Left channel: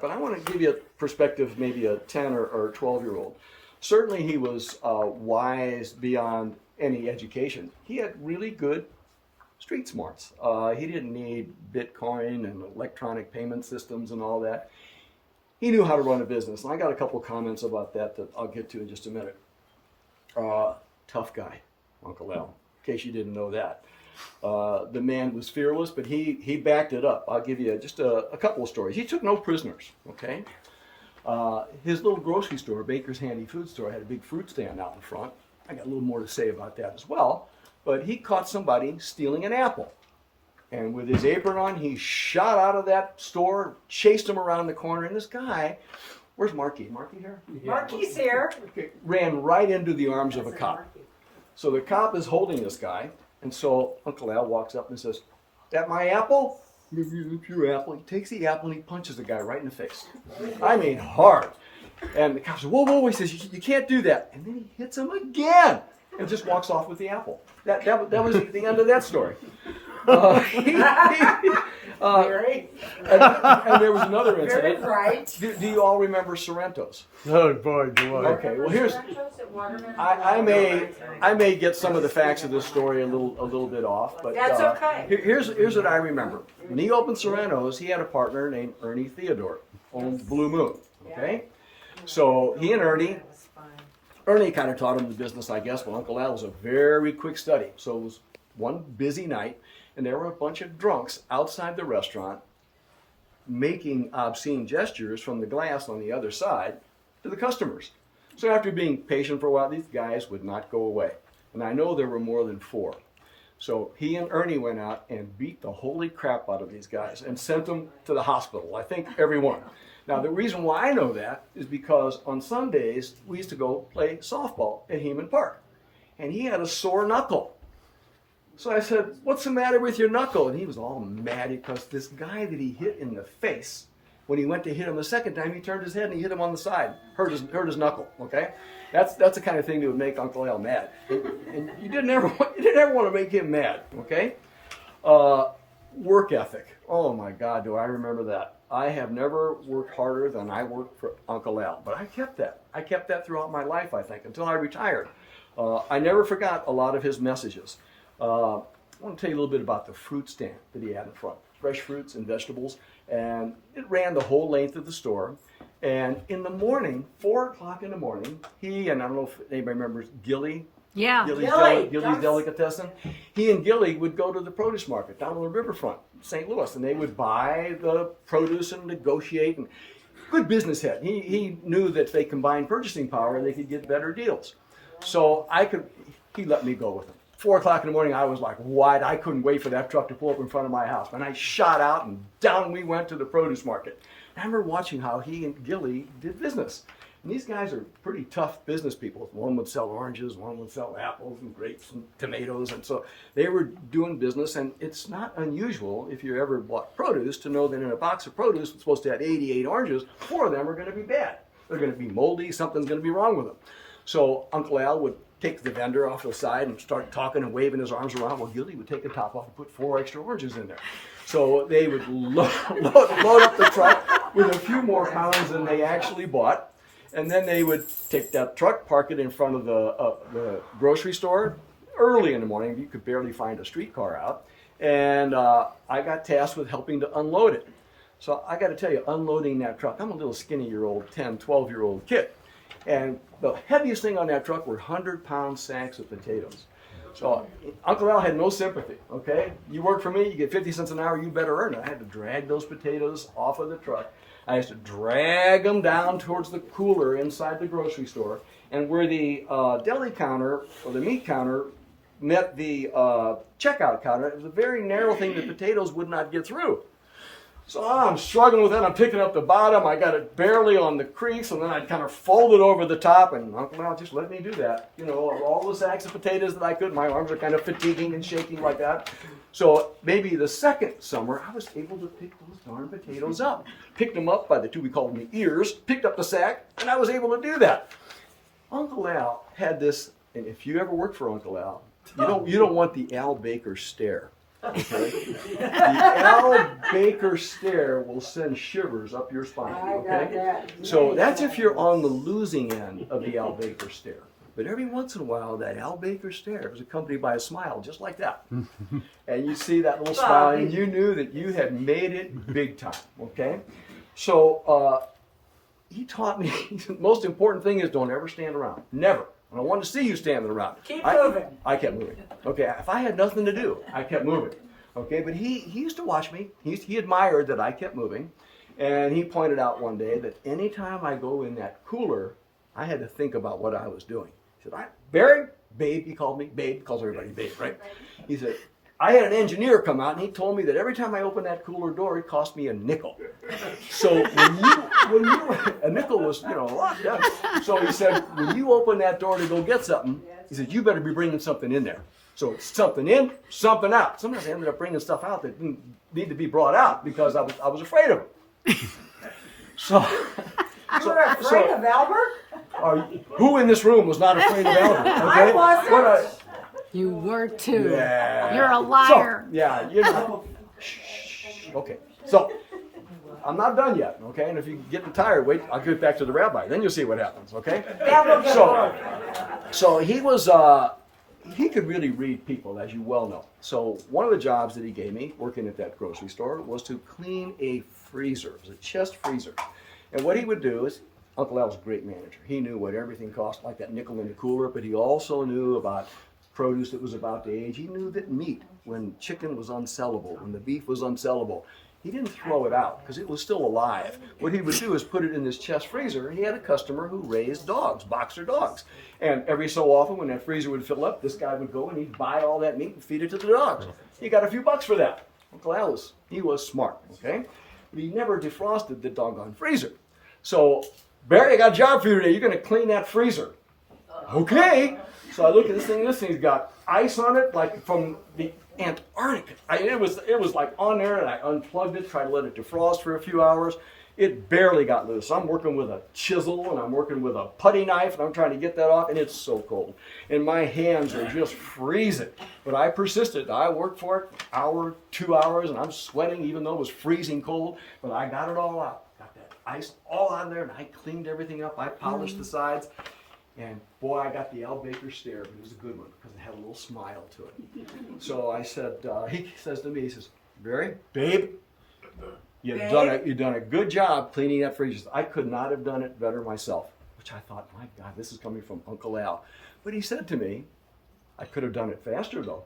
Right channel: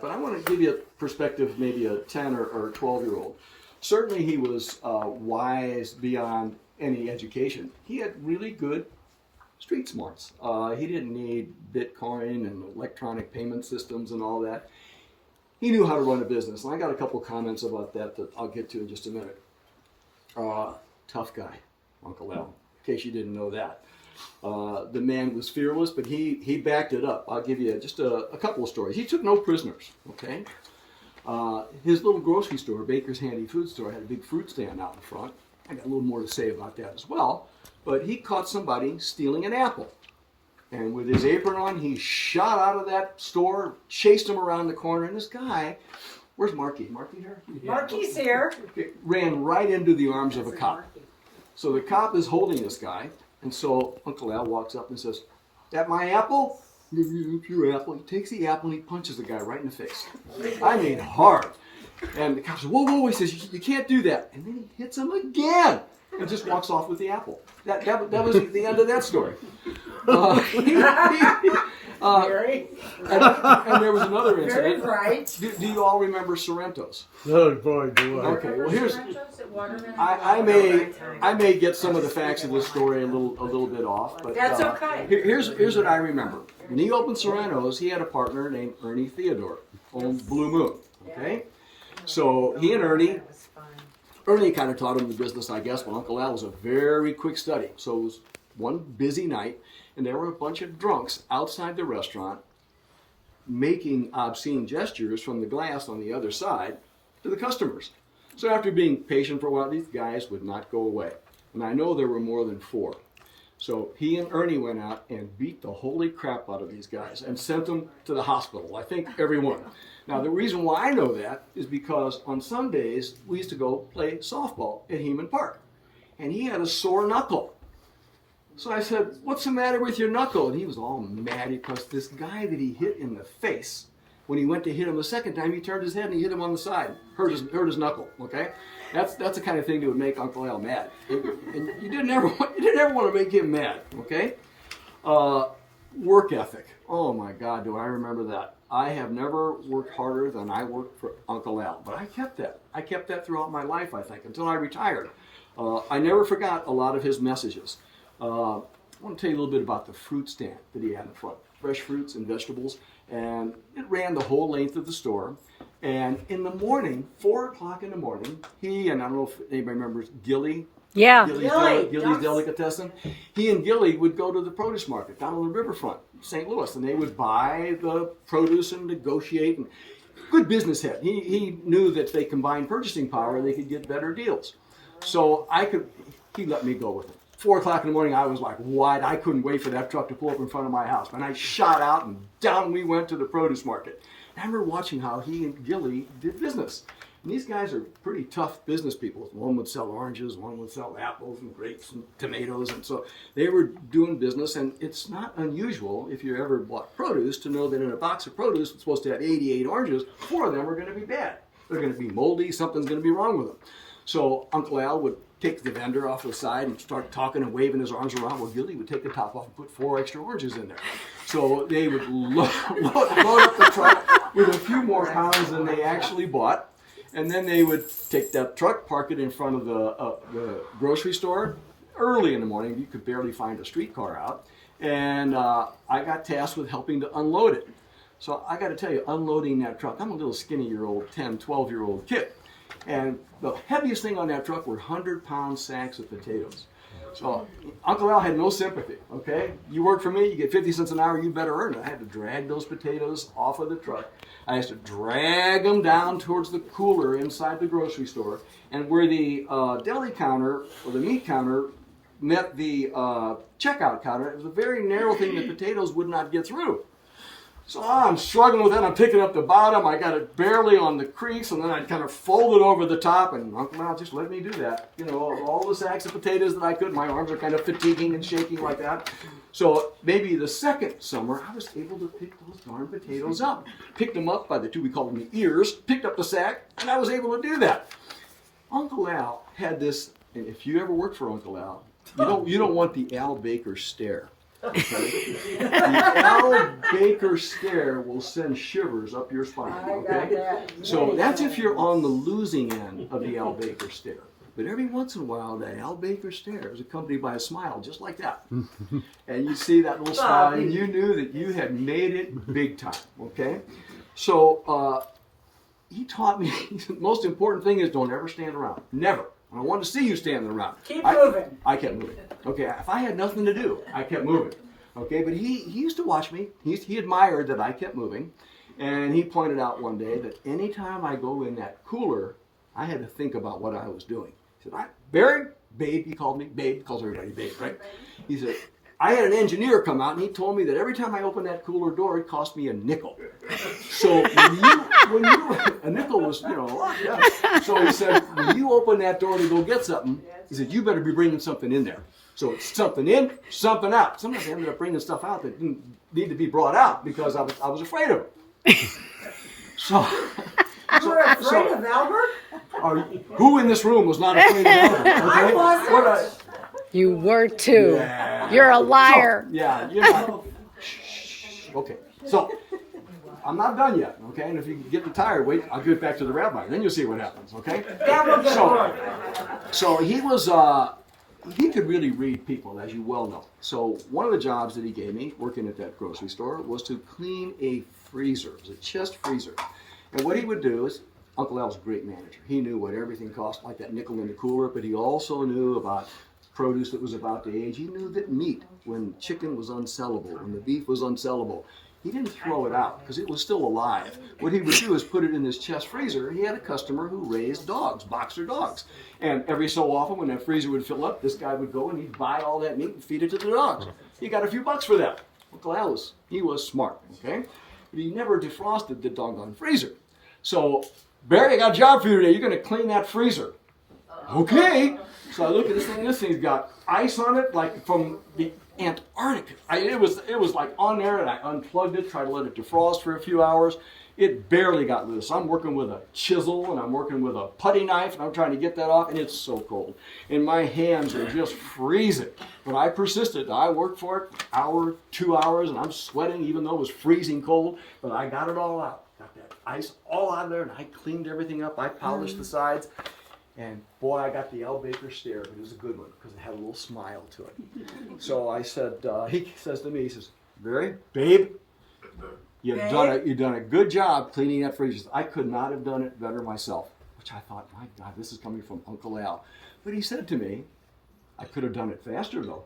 that, but I want to give you a perspective, maybe a 10 or 12-year-old. Certainly he was wise beyond any education. He had really good street smarts. He didn't need Bitcoin and electronic payment systems and all that. He knew how to run a business. And I got a couple comments about that I'll get to in just a minute. Tough guy, Uncle Al, in case you didn't know that. The man was fearless, but he backed it up. I'll give you just a couple of stories. He took no prisoners, okay? His little grocery store, Baker's Handy Food Store, had a big fruit stand out in front. I got a little more to say about that as well. But he caught somebody stealing an apple. And with his apron on, he shot out of that store, chased him around the corner, and this guy, where's Marky? Marky here? Marky's here. Ran right into the arms of a cop. So the cop is holding this guy, and so Uncle Al walks up and says, "That my apple?" "Your apple." He takes the apple and he punches the guy right in the face. I mean, hard. And the cop says, "Whoa, whoa," he says, "You can't do that." And then he hits him again and just walks off with the apple. That was the end of that story. And there was another incident. Very right. Do you all remember Sorrento's? Oh boy, do I. Okay, well here's I may get some of the facts of this story a little bit off, but That's okay. Here's what I remember. When he opened Sorrento's, he had a partner named Ernie Theodore, owned Blue Moon. Okay, so he and Ernie kind of taught him the business, I guess. But Uncle Al was a very quick study. So it was one busy night, and there were a bunch of drunks outside the restaurant making obscene gestures from the glass on the other side to the customers. So after being patient for a while, these guys would not go away. And I know there were more than 4. So he and Ernie went out and beat the holy crap out of these guys and sent them to the hospital. I think every one. Now, the reason why I know that is because on Sundays, we used to go play softball at Heman Park. And he had a sore knuckle. So I said, "What's the matter with your knuckle?" And he was all mad because this guy that he hit in the face, when he went to hit him the second time, he turned his head and he hit him on the side. Hurt his knuckle, okay? That's the kind of thing that would make Uncle Al mad. And you didn't ever want to make him mad, okay? Work ethic. Oh my God, do I remember that. I have never worked harder than I worked for Uncle Al, but I kept that. I kept that throughout my life, I think, until I retired. I never forgot a lot of his messages. I want to tell you a little bit about the fruit stand that he had in front. Fresh fruits and vegetables. And it ran the whole length of the store. And in the morning, 4 o'clock in the morning, he, and I don't know if anybody remembers Gilly. Yeah. Gilly's Delicatessen. He and Gilly would go to the produce market down on the riverfront, St. Louis, and they would buy the produce and negotiate. And good business head. He knew that if they combined purchasing power, they could get better deals. So he let me go with him. 4 o'clock in the morning, I was like wide. I couldn't wait for that truck to pull up in front of my house. And I shot out and down we went to the produce market. And I remember watching how he and Gilly did business. And these guys are pretty tough business people. One would sell oranges, one would sell apples and grapes and tomatoes. And so they were doing business. And it's not unusual, if you ever bought produce, to know that in a box of produce that's supposed to have 88 oranges, 4 of them are going to be bad. They're going to be moldy. Something's going to be wrong with them. So Uncle Al would take the vendor off to the side and start talking and waving his arms around. Well, Gilly would take the top off and put 4 extra oranges in there. So they would load up the truck with a few more pounds than they actually bought. And then they would take that truck, park it in front of the grocery store early in the morning. You could barely find a streetcar out. And I got tasked with helping to unload it. So I got to tell you, unloading that truck, I'm a little skinny-year-old, 10, 12-year-old kid. And the heaviest thing on that truck were 100-pound sacks of potatoes. So Uncle Al had no sympathy, okay? You work for me, you get 50 cents an hour, you better earn it. I had to drag those potatoes off of the truck. I used to drag them down towards the cooler inside the grocery store. And where the deli counter or the meat counter met the checkout counter, it was a very narrow thing that potatoes would not get through. So I'm struggling with that. I'm picking up the bottom. I got it barely on the crease, and then I'd kind of fold it over the top, and Uncle Al just let me do that. You know, all the sacks of potatoes that I could. My arms are kind of fatiguing and shaking like that. So maybe the second summer, I was able to pick those darn potatoes up. Picked them up by the two, we call them the ears, picked up the sack, and I was able to do that. Uncle Al had this, and if you ever worked for Uncle Al, you don't want the Al Baker stare. Okay? The Al Baker stare will send shivers up your spine. Okay? So that's if you're on the losing end of the Al Baker stare. But every once in a while, that Al Baker stare is accompanied by a smile just like that. And you see that little smile, and you knew that you had made it big time. Okay? So he taught me the most important thing is don't ever stand around. Never. I don't want to see you standing around. Keep moving. I kept moving. Okay, if I had nothing to do, I kept moving. Okay, but he used to watch me. He admired that I kept moving. And he pointed out one day that anytime I go in that cooler, I had to think about what I was doing. He said, Barry, Babe, he called me. Babe, calls everybody Babe, right? He said, I had an engineer come out and he told me that every time I opened that cooler door, it cost me a nickel. So when you a nickel was, a lot. Yeah. So he said, when you open that door to go get something, he said, you better be bringing something in there. So it's something in, something out. Sometimes I ended up bringing stuff out that didn't need to be brought out because I was afraid of it. You were afraid of Albert? Who in this room was not afraid of Albert? Okay? I wasn't. You were too. Yeah. You're a liar. So, Okay, so I'm not done yet, okay? And if you get tired, wait, I'll get back to the rabbi. Then you'll see what happens, okay? So he was, he could really read people, as you well know. So one of the jobs that he gave me, working at that grocery store, was to clean a freezer. It was a chest freezer. And what he would do is, Uncle Al was a great manager. He knew what everything cost, like that nickel in the cooler, but he also knew about produce that was about to age. He knew that meat, when chicken was unsellable, when the beef was unsellable, he didn't throw it out because it was still alive. What he would do is put it in his chest freezer. He had a customer who raised dogs, boxer dogs. And every so often when that freezer would fill up, this guy would go and he'd buy all that meat and feed it to the dogs. He got a few bucks for that. Uncle Al he was smart, okay? But he never defrosted the doggone freezer. So, Barry, I got a job for you today. You're going to clean that freezer. Okay. So I look at this thing's got ice on it, like from the Antarctica. It was like on there, and I unplugged it, tried to let it defrost for a few hours. It barely got loose. I'm working with a chisel, and I'm working with a putty knife, and I'm trying to get that off, and it's so cold. And my hands are just freezing. But I persisted. I worked for it, hour, 2 hours, and I'm sweating even though it was freezing cold. But I got it all out. Got that ice all out there, and I cleaned everything up. I polished the sides. And boy, I got the Al Baker stare, but it was a good one because it had a little smile to it. So I said, he says to me, he says, Barry, Babe, you've done a good job cleaning that freezer. I could not have done it better myself, which I thought, my God, this is coming from Uncle Al. But he said to me, I could have done it faster though.